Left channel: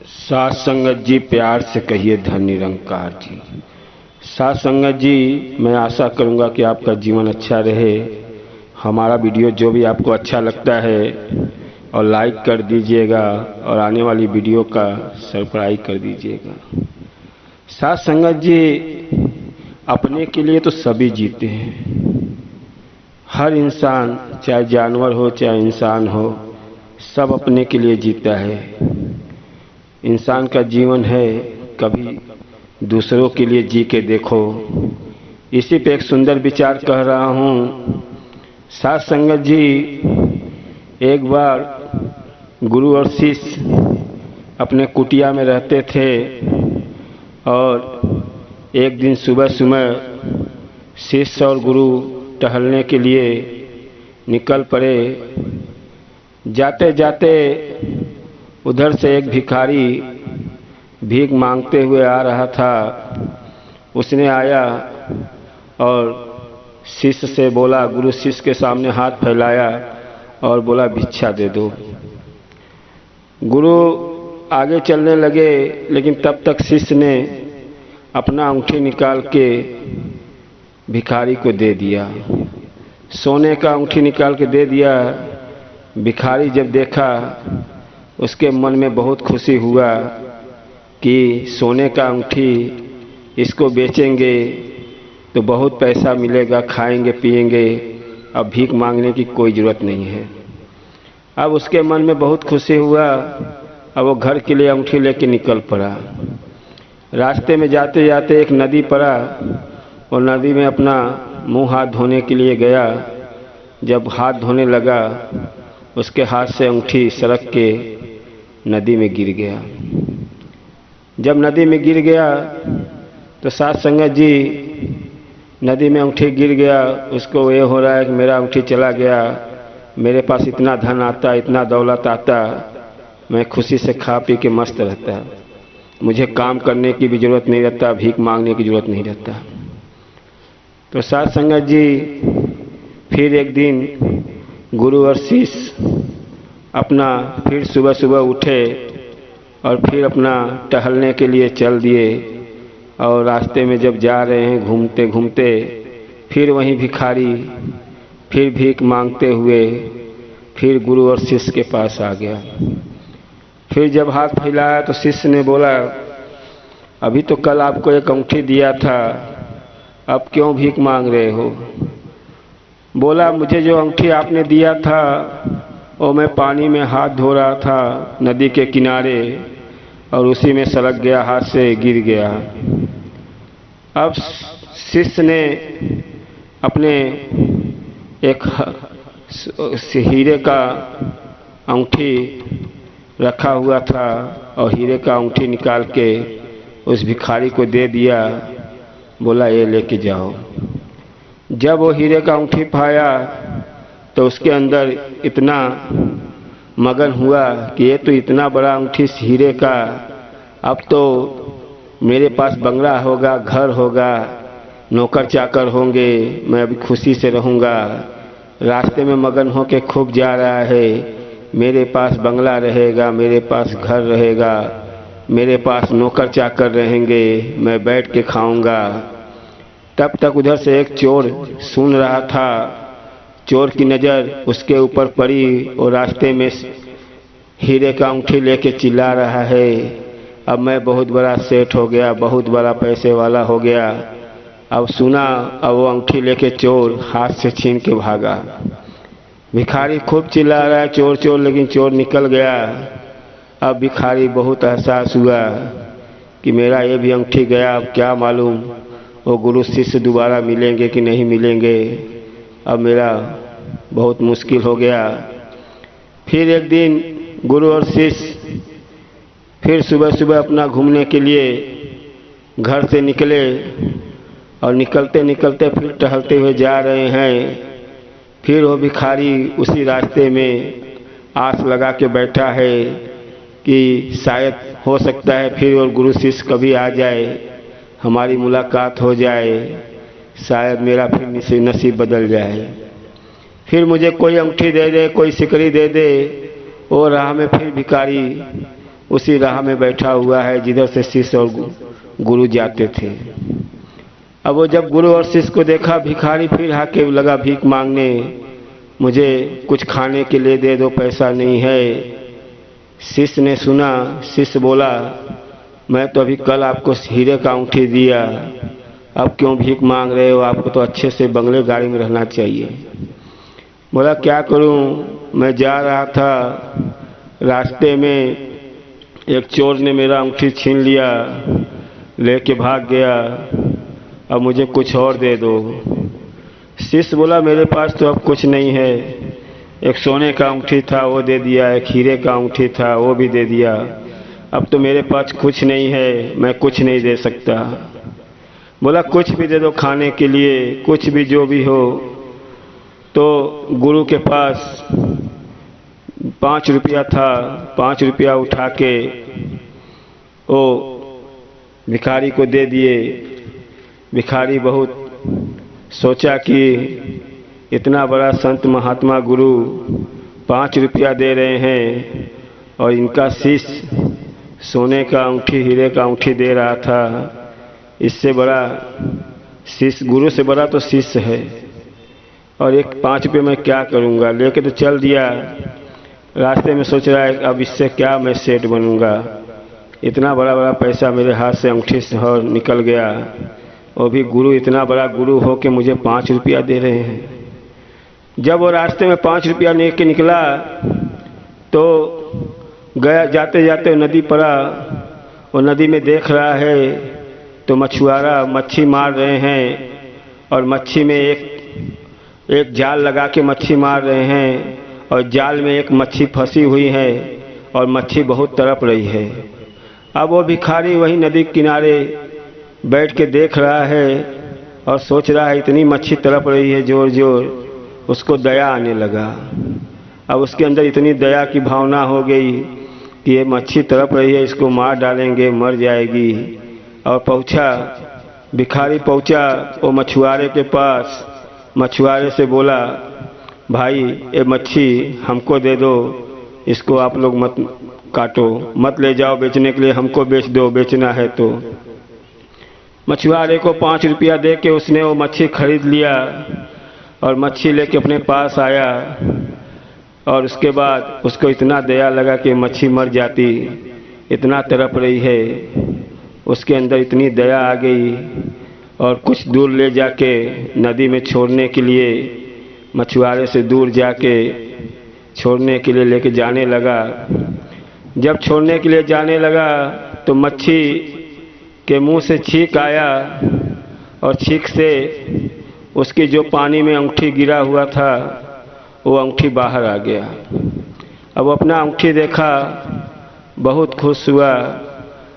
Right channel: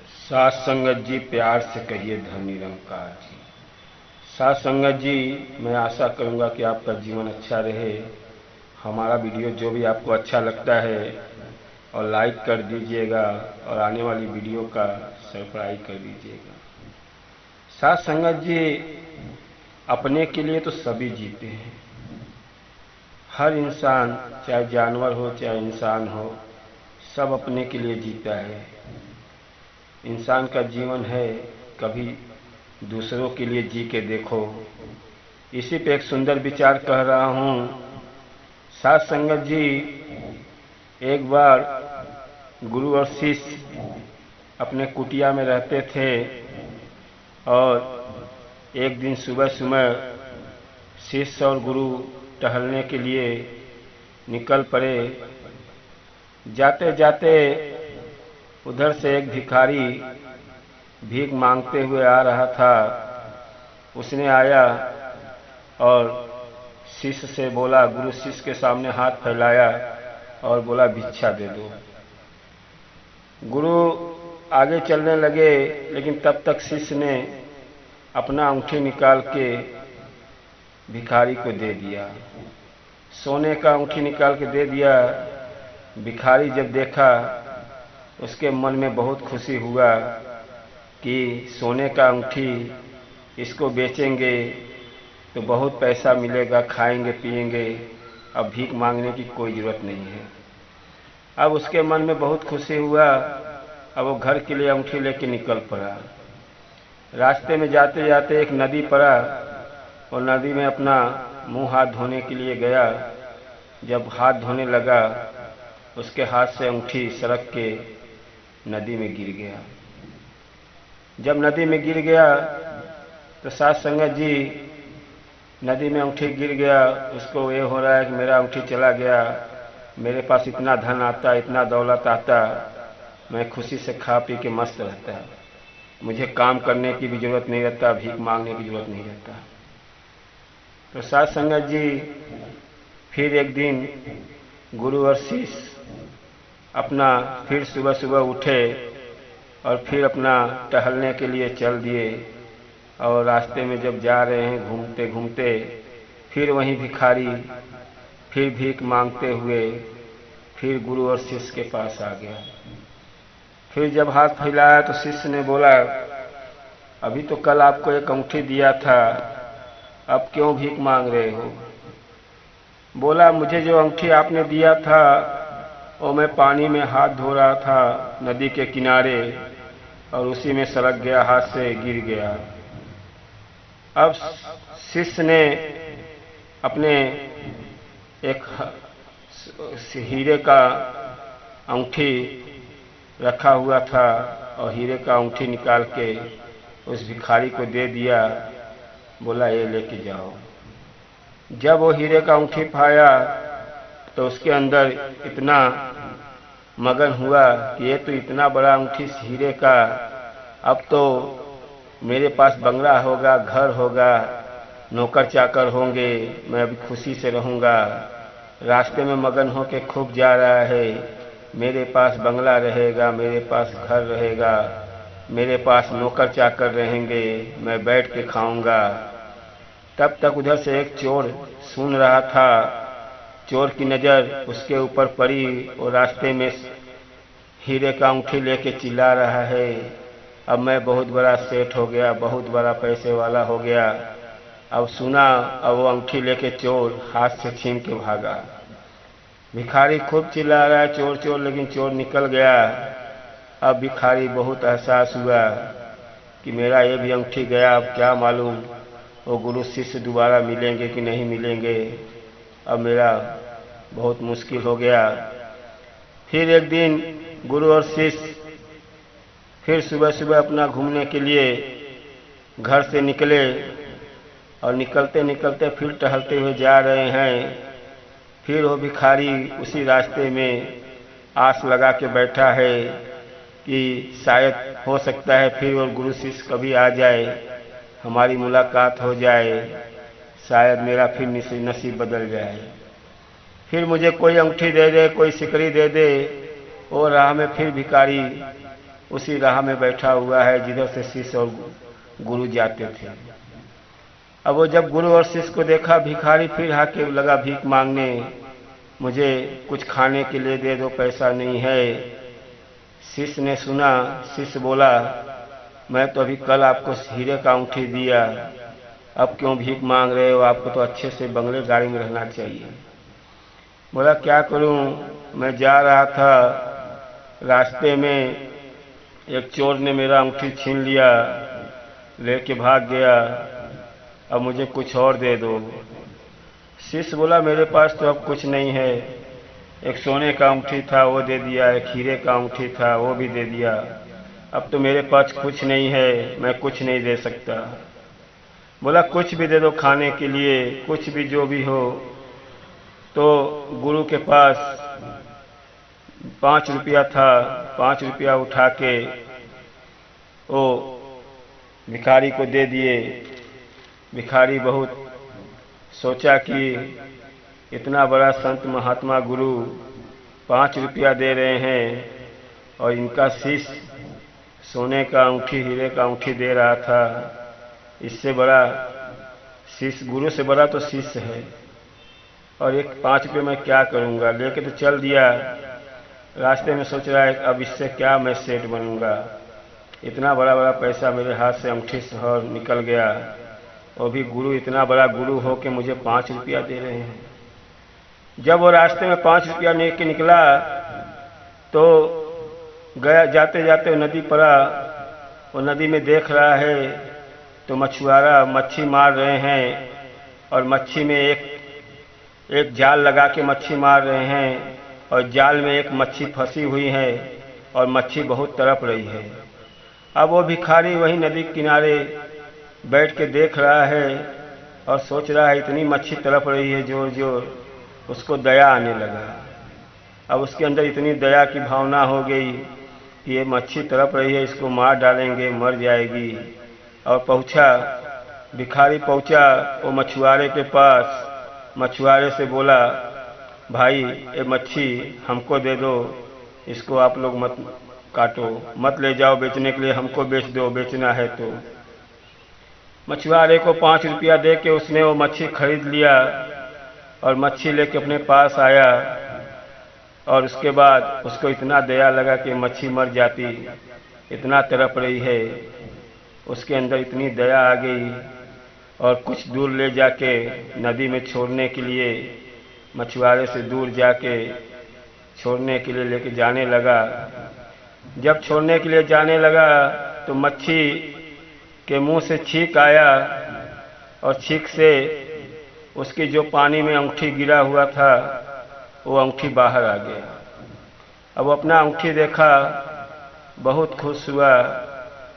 साथ संगत जी, प्यार से कहिए धन निरंकार जी। साथ संगत जी, मैं आशा करूंगा कि आपका जीवन अच्छा रहे। हमारा वीडियो जो भी आपको अच्छा लगता है और लाइक कर दीजिएगा और आने वाली वीडियो का सब्सक्राइब कर दीजिएगा। साथ संगत जी, अपने के लिए तो सभी जीते हैं। हर इंसान, चाहे जानवर हो चाहे इंसान हो, सब अपने के लिए जीता है। इंसान का जीवन है, कभी दूसरों के लिए जी के देखो। इसी पे एक सुंदर विचार कह रहा हूँ। साथ संगत जी, एक बार गुरु और शिष्य अपने कुटिया में रहते थे और एक दिन सुबह सुबह शिष्य और गुरु टहलने के लिए निकल पड़े। जाते जाते उधर से एक भिखारी भीख मांगते हुए आ रहा था। उसने आया और शिष्य से बोला, गुरु शिष्य के सामने हाथ फैलाया और बोला, भिक्षा दे दो। गुरु आगे चलने लगे, लेकिन तब तक शिष्य ने अपना अंगूठी निकाल के भिखारी को दे दिया। सोने का अंगूठी निकाल के दे दिया। भिखारी जब देखा, उसके मन में बहुत खुशी हुआ कि सोने का अंगूठी, इसको बेचेंगे तो बहुत पैसा मिलेगा, खाएंगे पिएंगे, अब भीख मांगने की कोई ज़रूरत नहीं है। अब उसके मन में बहुत खुशी हुआ। अब वो घर के लिए अंगूठी लेके निकल पड़ा। रास्ते में जाते जाते एक नदी पड़ा और नदी में अपना मुंह हाथ धोने के लिए गया। जब हाथ धोने लगा, उसके हाथ से अंगूठी सरक के नदी में गिर गया। जब नदी में गिर गया तो साथ संगत जी, नदी में अंगूठी गिर गया। उसको ये हो रहा है कि मेरा अंगूठी चला गया, मेरे पास इतना धन आता, इतना दौलत आता, मैं खुशी से खा पी के मस्त रहता, मुझे काम करने की भी ज़रूरत नहीं रहता, भीख मांगने की ज़रूरत नहीं रहता। तो साथ संगत जी, फिर एक दिन गुरु और शिष्य अपना फिर सुबह सुबह उठे और फिर अपना टहलने के लिए चल दिए। और रास्ते में जब जा रहे हैं घूमते घूमते, फिर वहीं भिखारी फिर भीख मांगते हुए फिर गुरु और शिष्य के पास आ गया। फिर जब हाथ फैलाया तो शिष्य ने बोला, अभी तो कल आपको एक अंगूठी दिया था, अब क्यों भीख मांग रहे हो? बोला, मुझे जो अंगूठी आपने दिया था वो मैं पानी में हाथ धो रहा था नदी के किनारे, और उसी में सरक गया, हाथ से गिर गया। अब शिष्य ने अपने एक हीरे का अंगूठी रखा हुआ था और हीरे का अंगूठी निकाल के उस भिखारी को दे दिया। बोला, ये लेके जाओ। जब वो हीरे का अंगूठी पाया तो उसके अंदर इतना मगन हुआ कि ये तो इतना बड़ा अंगूठी हीरे का, अब तो मेरे पास बंगला होगा, घर होगा, नौकर चाकर होंगे, मैं अभी खुशी से रहूँगा। रास्ते में मगन हो के खूब जा रहा है, मेरे पास बंगला रहेगा, मेरे पास घर रहेगा, मेरे पास नौकर चाकर रहेंगे, मैं बैठ के खाऊंगा। तब तक उधर से एक चोर सुन रहा था। चोर की नज़र उसके ऊपर पड़ी और रास्ते में हीरे का अंगूठी लेके चिल्ला रहा है, अब मैं बहुत बड़ा सेठ हो गया, बहुत बड़ा पैसे वाला हो गया। अब सुना, अब वो अंगूठी लेके चोर हाथ से छीन के भागा। भिखारी खूब चिल्ला रहा है, चोर चोर, लेकिन चोर निकल गया। अब भिखारी बहुत एहसास हुआ कि मेरा ये भी अंगूठी गया, अब क्या मालूम वो गुरु शिष्य दोबारा मिलेंगे कि नहीं मिलेंगे, अब मेरा बहुत मुश्किल हो गया। फिर एक दिन गुरु और शिष्य फिर सुबह सुबह अपना घूमने के लिए घर से निकले और निकलते निकलते फिर टहलते हुए जा रहे हैं। फिर वो भिखारी उसी रास्ते में आस लगा के बैठा है कि शायद हो सकता है फिर और गुरु शिष्य कभी आ जाए, हमारी मुलाकात हो जाए, शायद मेरा फिर नसीब बदल जाए, फिर मुझे कोई अंगूठी दे दे, कोई सिकड़ी दे दे। वो राह में फिर भिखारी उसी राह में बैठा हुआ है जिधर से शिष्य और गुरु जाते थे। अब वो जब गुरु और शिष्य को देखा, भिखारी फिर आके लगा भीख मांगने, मुझे कुछ खाने के लिए दे दो, पैसा नहीं है। शिष्य ने सुना, शिष्य बोला, मैं तो अभी कल आपको हीरे का अंगूठी दिया, अब क्यों भीख मांग रहे हो? आपको तो अच्छे से बंगले गाड़ी में रहना चाहिए। बोला क्या करूं, मैं जा रहा था, रास्ते में एक चोर ने मेरा अंगूठी छीन लिया, लेके भाग गया, अब मुझे कुछ और दे दो। शिष्य बोला मेरे पास तो अब कुछ नहीं है, एक सोने का अंगूठी था वो दे दिया, एक हीरे का अंगूठी था वो भी दे दिया, अब तो मेरे पास कुछ नहीं है, मैं कुछ नहीं दे सकता। बोला कुछ भी दे दो खाने के लिए, कुछ भी जो भी हो। तो गुरु के पास 5 रुपया था, 5 रुपया उठा के वो भिखारी को दे दिए। भिखारी बहुत सोचा कि इतना बड़ा संत महात्मा गुरु 5 रुपया दे रहे हैं और इनका शिष्य सोने का अंगूठी हीरे का अंगूठी दे रहा था, इससे बड़ा शिष्य, गुरु से बड़ा तो शिष्य है, और एक 5 रुपये मैं क्या करूँगा। लेके तो चल दिया। रास्ते में सोच रहा है अब इससे क्या मैं सेठ बनूँगा, इतना बड़ा बड़ा पैसा मेरे हाथ से अंगूठी से और निकल गया, और भी गुरु इतना बड़ा गुरु हो के मुझे 5 रुपया दे रहे हैं। जब वो रास्ते में 5 रुपया लेके निकला तो गया, जाते जाते नदी पड़ा, वो नदी में देख रहा है तो मछुआरा मच्छी मार रहे हैं, और मच्छी में एक जाल लगा के मच्छी मार रहे हैं, और जाल में एक मच्छी फंसी हुई है और मच्छी बहुत तड़प रही है। अब वो भिखारी वही नदी किनारे बैठ के देख रहा है और सोच रहा है इतनी मच्छी तड़प रही है जोर जोर, उसको दया आने लगा। अब उसके अंदर इतनी दया की भावना हो गई कि ये मच्छी तड़प रही है, इसको मार डालेंगे, मर जाएगी। और पहुंचा, भिखारी पहुंचा वो मछुआरे के पास, मछुआरे से बोला भाई ये मच्छी हमको दे दो, इसको आप लोग मत काटो, मत ले जाओ बेचने के लिए, हमको बेच दो, बेचना है तो। मछुआरे को 5 रुपया दे के उसने वो मच्छी खरीद लिया और मच्छी लेके अपने पास आया, और उसके बाद उसको इतना दया लगा कि मच्छी मर जाती, इतना तड़प रही है, उसके अंदर इतनी दया आ गई, और कुछ दूर ले जाके नदी में छोड़ने के लिए, मछुआरे से दूर जाके छोड़ने के लिए लेके जाने लगा। जब छोड़ने के लिए जाने लगा तो मच्छी के मुंह से छींक आया, और छींक से उसकी जो पानी में अंगूठी गिरा हुआ था वो अंगूठी बाहर आ गया। अब अपना अंगूठी देखा, बहुत खुश हुआ,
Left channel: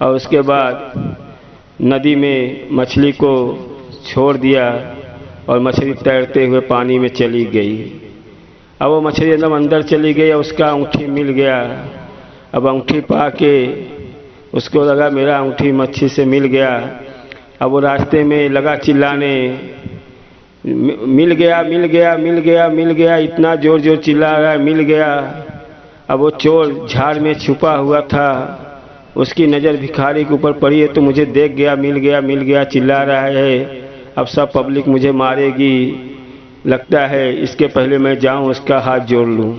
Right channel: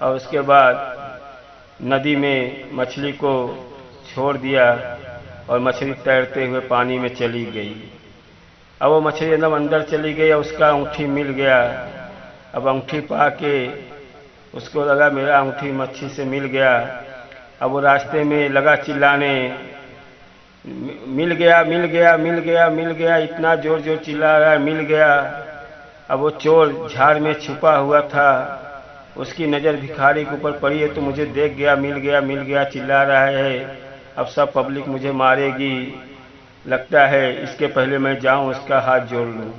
और उसके बाद नदी में मछली को छोड़ दिया और मछली तैरते हुए पानी में चली गई। अब वो मछली एकदम अंदर चली गई और उसका अंगूठी मिल गया। अब अंगूठी पा के उसको लगा मेरा अंगूठी मच्छी से मिल गया। अब वो रास्ते में लगा चिल्लाने, मिल गया मिल गया मिल गया मिल गया, इतना जोर जोर चिल्ला रहा है, मिल गया। अब वो चोर झाड़ में छुपा हुआ था, उसकी नज़र भिखारी के ऊपर पड़ी है तो मुझे देख गया, मिल गया मिल गया चिल्ला रहा है, अब सब पब्लिक मुझे मारेगी, लगता है इसके पहले मैं जाऊं उसका हाथ जोड़ लूं।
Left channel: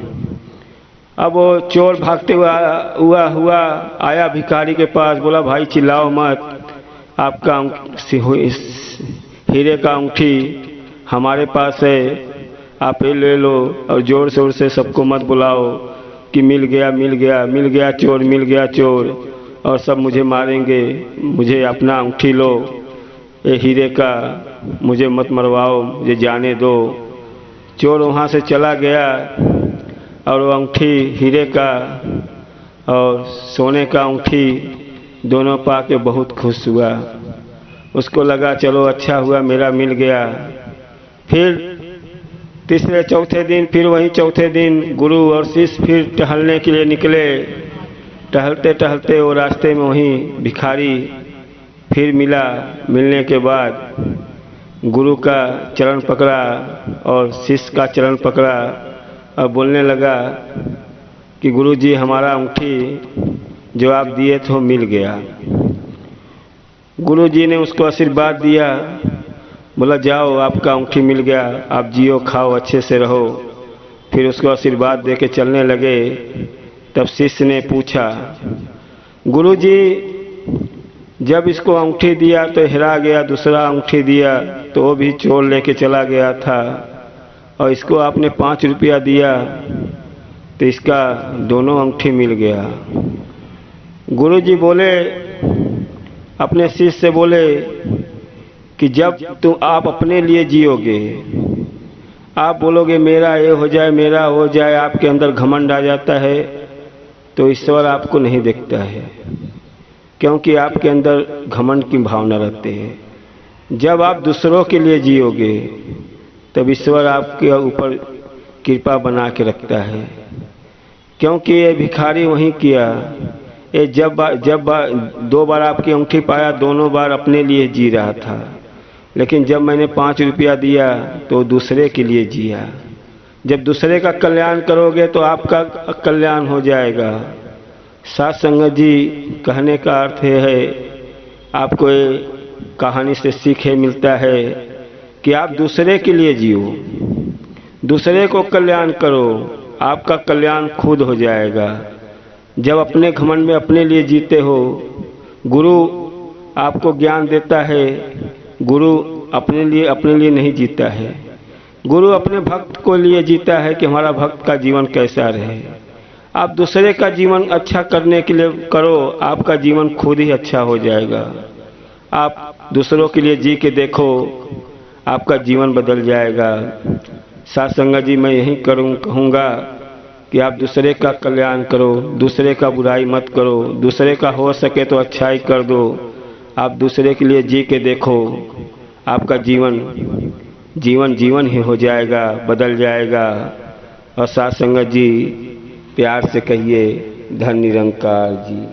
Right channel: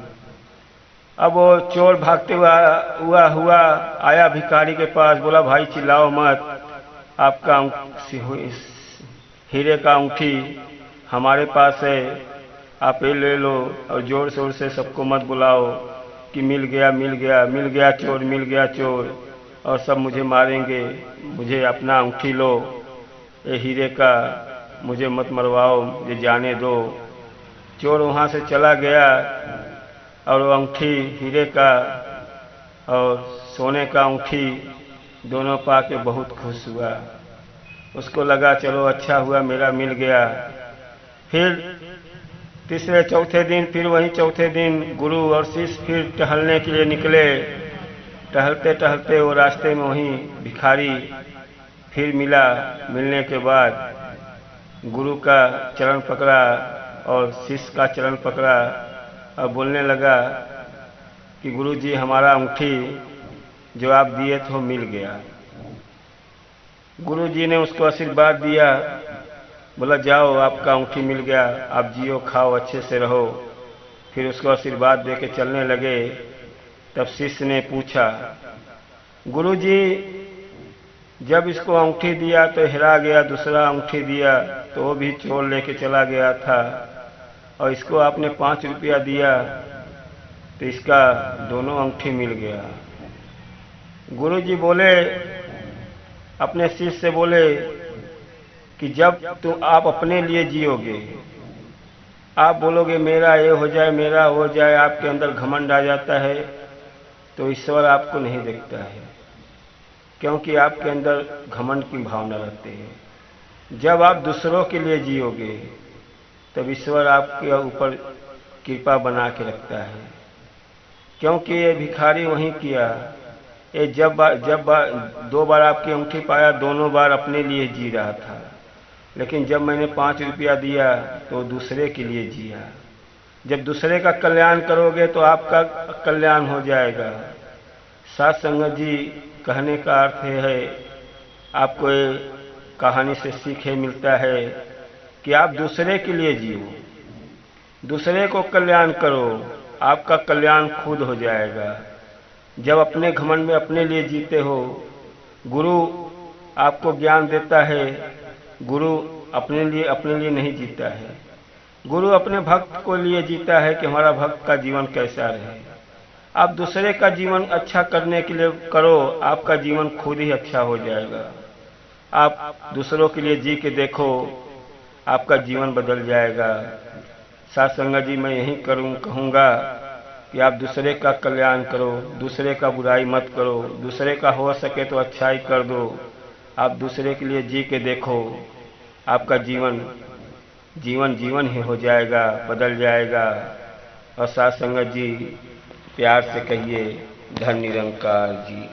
अब वो चोर भागते हुआ आया भिखारी के पास, बोला भाई चिल्लाओ मत, आपका हीरे का अंगूठी हमारे पास है, आप ये ले लो, और जोर शोर से सबको मत बुलाओ कि मिल गया मिल गया मिल गया चोर, मिल गया चोर, और सब मुझे मारेंगे, मुझे अपना अंगूठी लो, ये हीरे का, मुझे मत मरवाओ, मुझे जाने दो। चोर वहाँ से चला गया और वो अंगूठी हीरे का और सोने का अंगूठी दोनों पा के बहुत खुश हुआ। उसको लगा चलो अच्छा हुआ मेरा मिल गया। फिर तीसरे चौथे दिन, फिर वही चौथे दिन गुरु और शिष्य फिर टहलने के लिए निकले। टहलते टहलते वो रास्ते में वही भिखारी फिर मिला। मिलने के बाद गुरु का चरण पकड़ा और शिष्य का चरण पकड़ा और बोलने लगा कि गुरु जी हमारा अंगूठी जो आप दिए थे वो मिल गया। गुरु जी ने उसको आशीर्वाद दिया, बोला जाओ आपका अंगूठी मिल गया, आप जियो खाओ अच्छे से रहो। फिर उसको आशीर्वाद दे के चलने लगे। तब शिष्य ने पूछा, गुरु जी जब इसको अंगूठी दिया तो हेरा गया, दूसरा अंगूठी दिया तो वो भी चोर लेके चला गया था, और इसको आपने 5 रुपया दिया तो इसका दोनों अंगूठी मिल गया। गुरु जी बोले, अपने शिष्य से बोले कि जब तुम आप अपने लिए जियोगे, आप बोलोगे मेरा ये हो जाए मेरा हो जाए, आपके अंदर घमंड आ जाता है, तो ईश्वर आपको नहीं देखता है, क्योंकि आपके अंदर घमंड की भावना रहती है। जब आप दूसरों के लिए जियोगे तब ईश्वर आपके ऊपर कृपा बना के रखता है। क्योंकि ये भिखारी वहीं किया, ये जब 2 बार आपकी अंगूठी पाया, दोनों बार अपने लिए जी रहा था, लेकिन जब मैंने 5 रुपया दिया तो दूसरे के लिए जिया। जब दूसरे का कल्याण करोगे तो आपका कल्याण हो जाएगा। साथ संगत जी, कहने का अर्थ ये है, आपको ये कहानी से सीख मिलता है कि आप दूसरे के लिए जियो, दूसरे को कल्याण करो, आपका कल्याण खुद हो जाएगा। जब अपने घमंड में अपने लिए जीते हो, गुरु आपको ज्ञान देता है, गुरु अपने लिए नहीं जीता है, गुरु अपने भक्त को लिए जीता है कि हमारा भक्त का जीवन कैसा रहे। आप दूसरे का जीवन अच्छा करने के लिए करो, आपका जीवन खुद ही अच्छा हो जाएगा। आप दूसरों के लिए जी के देखो, आपका जीवन बदल जाएगा। साथ संगत जी, मैं यही कहूँगा कि आप दूसरे का कल्याण करो, दूसरे का बुराई मत करो, दूसरे का हो सके तो अच्छाई कर दो। आप दूसरे के लिए जी के देखो, आपका जीवन ही हो जाएगा, बदल जाएगा। और साथ संगत जी, प्यार से कहिए, धन निरंकार जी।